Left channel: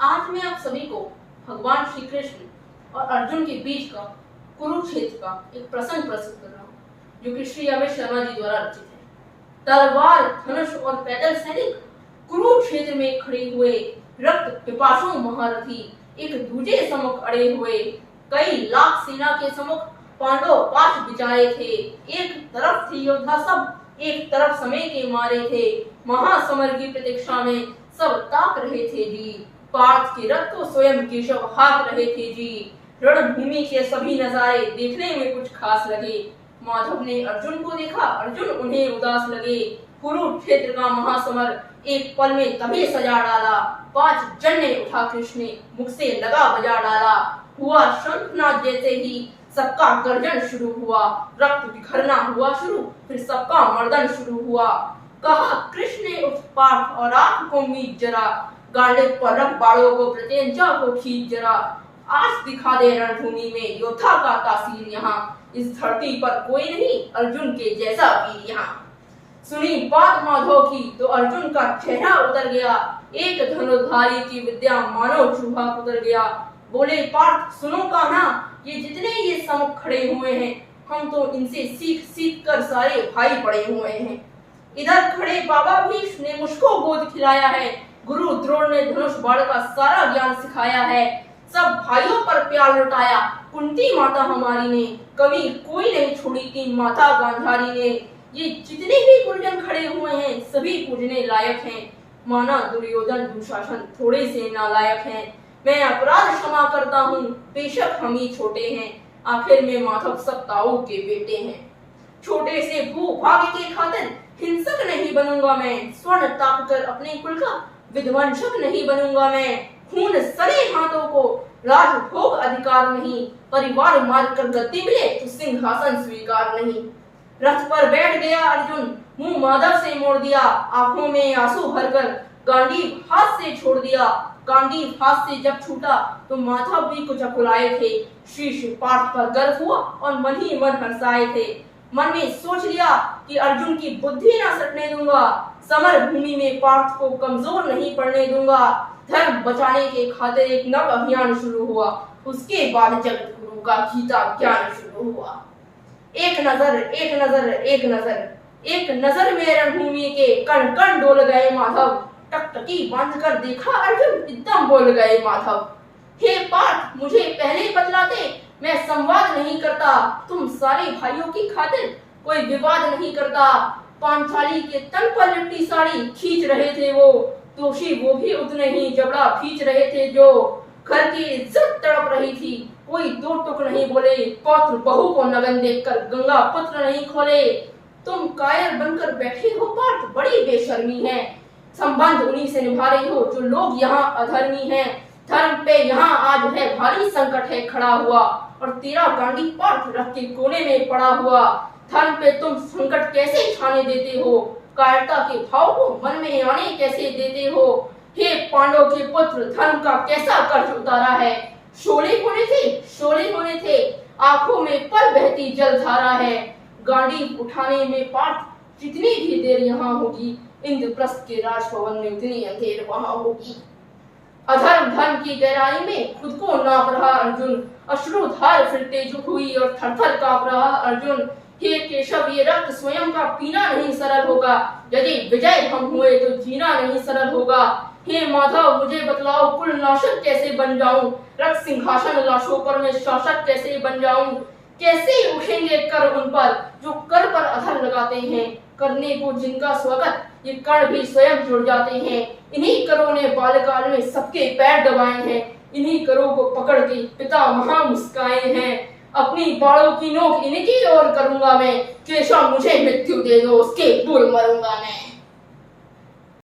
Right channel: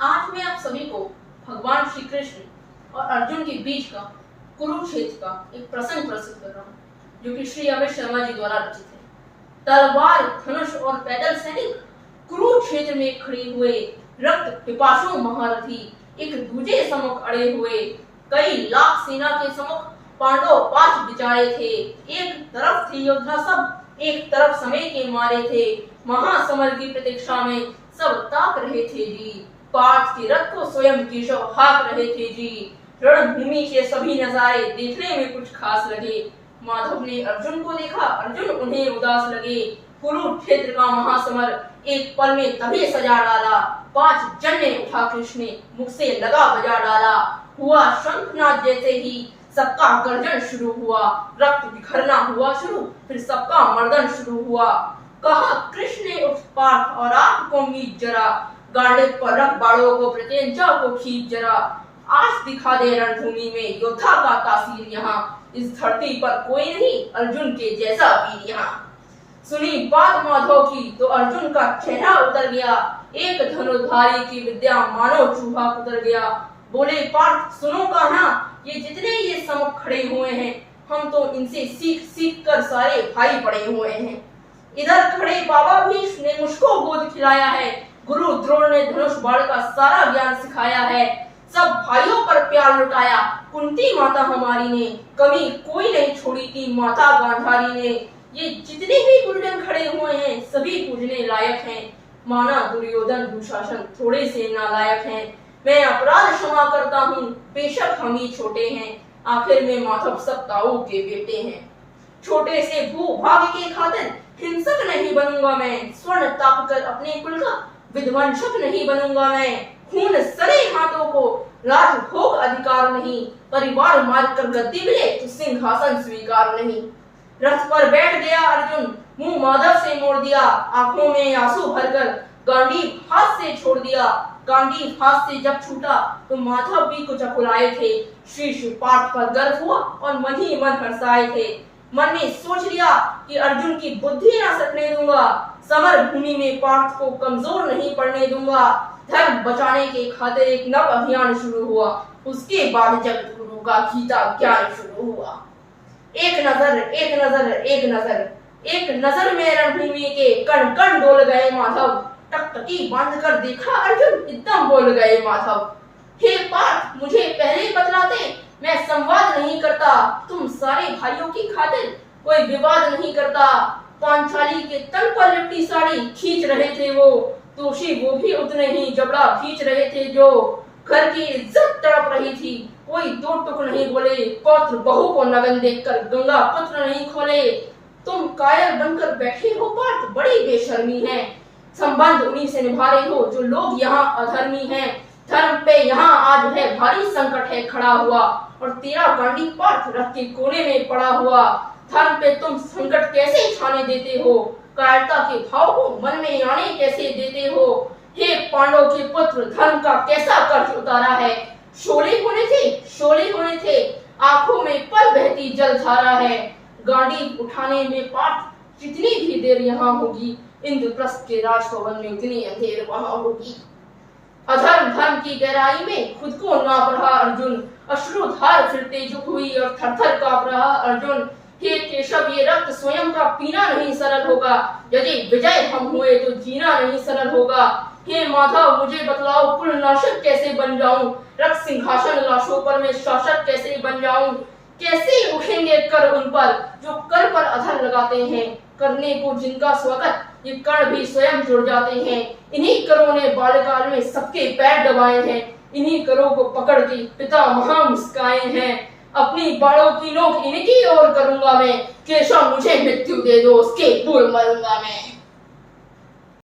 आज मैं आप सभी को भगवान श्री कृष्ण और अर्जुन के बीच का कुरुक्षेत्र का एक प्रसंग प्रस्तुत कर रहा हूँ, जो कि श्री अभय शर्मा जी द्वारा रचित है। तलवार, धनुष और पैदल सैनिक कुरुक्षेत्र में खड़े हुए रक्त पिपासु महारथी एक दूजे सम्मुख अड़े हुए, कई लाख सेना के सम्मुख पांडव पांच बिचारे थे। एक तरफ थे योद्धा सब, एक तरफ समय के मारे थे। महासमर की प्रतीक्षा में सब ताक रहे थे जी। पार्थ के रथ को स्वयं केशव हाँक रहे थे जी। रणभूमि के सभी नजारे देखने में कुछ खास लगे। माधव ने अर्जुन को देखा, अर्जुन उन्हें उदास लगे। कुरुक्षेत्र का महासमर एक पल में तभी सजा डाला। पांच जन्ने उठा कृष्ण ने, मुख से लगा बजा डाला। हुआ शंखनाद जैसे ही सबका गर्जन शुरू हुआ। रक्त बिखरना हुआ शुरू, फिर सबका मर्दन शुरू हुआ। कहा कृष्ण ने उठ पार्थ और आंख को मीच जरा, गांडे पर रख बाड़ों को प्रत्यंचा को खींच जरा। आज दिखा दे रणभूमि में योद्धा का तासीर यहाँ, इस धरती पर कोई नहीं अर्जुन के जैसा वीर यहाँ। सुनी बात माधव की तो अर्जुन का चेहरा उतर गया। एक धनुर्धारी की विद्या मानो चूहा उतर गया। बोले पार्थ सुनो कहना, ये जितने ये सम्मुख खड़े हुए हैं, हम तो इनसे सीख सीख कर सारे भाई पड़े हुए हैं। इधर खड़े बाबा भीष्म ने मुझको गोद खिलाया है। गुरु द्रोण ने धनुष बाण का सारा ज्ञान सिखाया है। सब भाइयों पर प्यार लुटाया कुंती माता हमारी ने, कभी कोई नहीं छोड़ी थी माता गांधारी ने। ये जितने भी गुरुजन खड़े हुए हैं सभी पूजने लायक हैं। माना दुर्योधन दुशासन थोड़े से नालायक हैं। मैं अपराध क्षमा करता हूँ, बेशक हम ही छोटे हैं, आखिर में माधव सब ताऊ के बेटे हैं। छोटे से भूभाग्य के खातिर हिंसक नहीं बनूंगा मैं, स्वर्ण ताप कर अपने कुल का विध्वंसक नहीं बनूंगा मैं। खून सने हाथों को राजभोग अधिकार नहीं, परिवार मार कर गद्दी मिले तो सिंहासन स्वीकार नहीं। रथ पर बैठ गया अर्जुन, मुंह माधव से मोड़ दिया, आंखों में आंसू भरकर गांडीव हाथ से छोड़ दिया। गांडीव हाथ से जब छूटा तो माधव भी कुछ अकुलाए थे। शीश पार्थ पर गर्व हुआ और मन ही मन हर्षाए थे। मन में सोच लिया कि अर्जुन की बुद्धि ना सटने दूंगा, समर भूमि में पार्थ को कमजोर नहीं पड़ने दूंगा। धर्म बचाने के खातिर एक नव अभियान शुरू हुआ, उसके बाद जगत गुरु का गीता ज्ञान शुरू हुआ। एक नजर एक नजर एक नजर, एक नजर में रणभूमि के कण कण डोल गए माधव। टकटकी बांध कर देखा अर्जुन, एकदम बोल गए माधव। हे पार्थ मुझे पहले ही बतलाते, मैं संवाद नहीं करता, तुम सारे भाइयों की खातिर कोई विवाद नहीं करता। पांचाली के तन पर लिपटी साड़ी खींच रहे थे वो, दोषी वो भी उतने ही जबड़ा खींच रहे थे जो। घर की इज्जत तड़प रही थी, कोई दो टुक नहीं बोले। पौत्र बहू को नगन देखकर गंगा पुत्र नहीं खोले। तुम कायर बनकर बैठे हो पार्थ, बड़ी बेशर्मी है। संबंध उन्हीं से निभा रही हो जो लोग यहाँ अधर्मी हैं। धर्म पे यहाँ आज है भारी संकट है खड़ा हुआ, और तेरा गांडी पार्थ रथ के कोने में पड़ा हुआ। धर्म पे तुम संकट कैसे छाने देते हो, कायरता के भाव को मन में आने कैसे देते हो। हे पांडव के पुत्र, धर्म का कैसा कर्ज उतारा है। शोले होने थे, आंखों में पल बहती जलधारा है। गांडी उठाने में पार्थ जितनी भी देर यहाँ होगी, इंद्रप्रस्थ के राजभवन में उतनी अंधेर वहां होगी। अधर्म धर्म की गहराई में खुद को नाप रहा अर्जुन, अश्रुधार फिर तेजुक हुई और थरथर कांप रहा अर्जुन। हे केशव ये रक्त स्वयं का पीना नहीं सरल होगा, यदि विजय हम हुए तो जीना नहीं सरल होगा। हे माधव मुझे बतलाओ, कुल नाशक कैसे बन जाऊं, रक्त सिंहासन लाशों पर मैं शासक कैसे बन जाऊं। कैसे उठेंगे कर उन पर जो कर पर अधर लगाते हैं, करने को जिनका स्वागत ये कर्ण भी स्वयं जुड़ जाते हैं। इन्हीं करों ने बाल्यकाल में सबके पैर दबाए हैं, इन्हीं करों को पकड़ के पिता महा मुस्काए हैं। अपनी बाड़ों की नोक इनकी ओर करूंगा मैं, केशव मुझे मृत्यु दे दो उसके दूर मरूंगा मैं।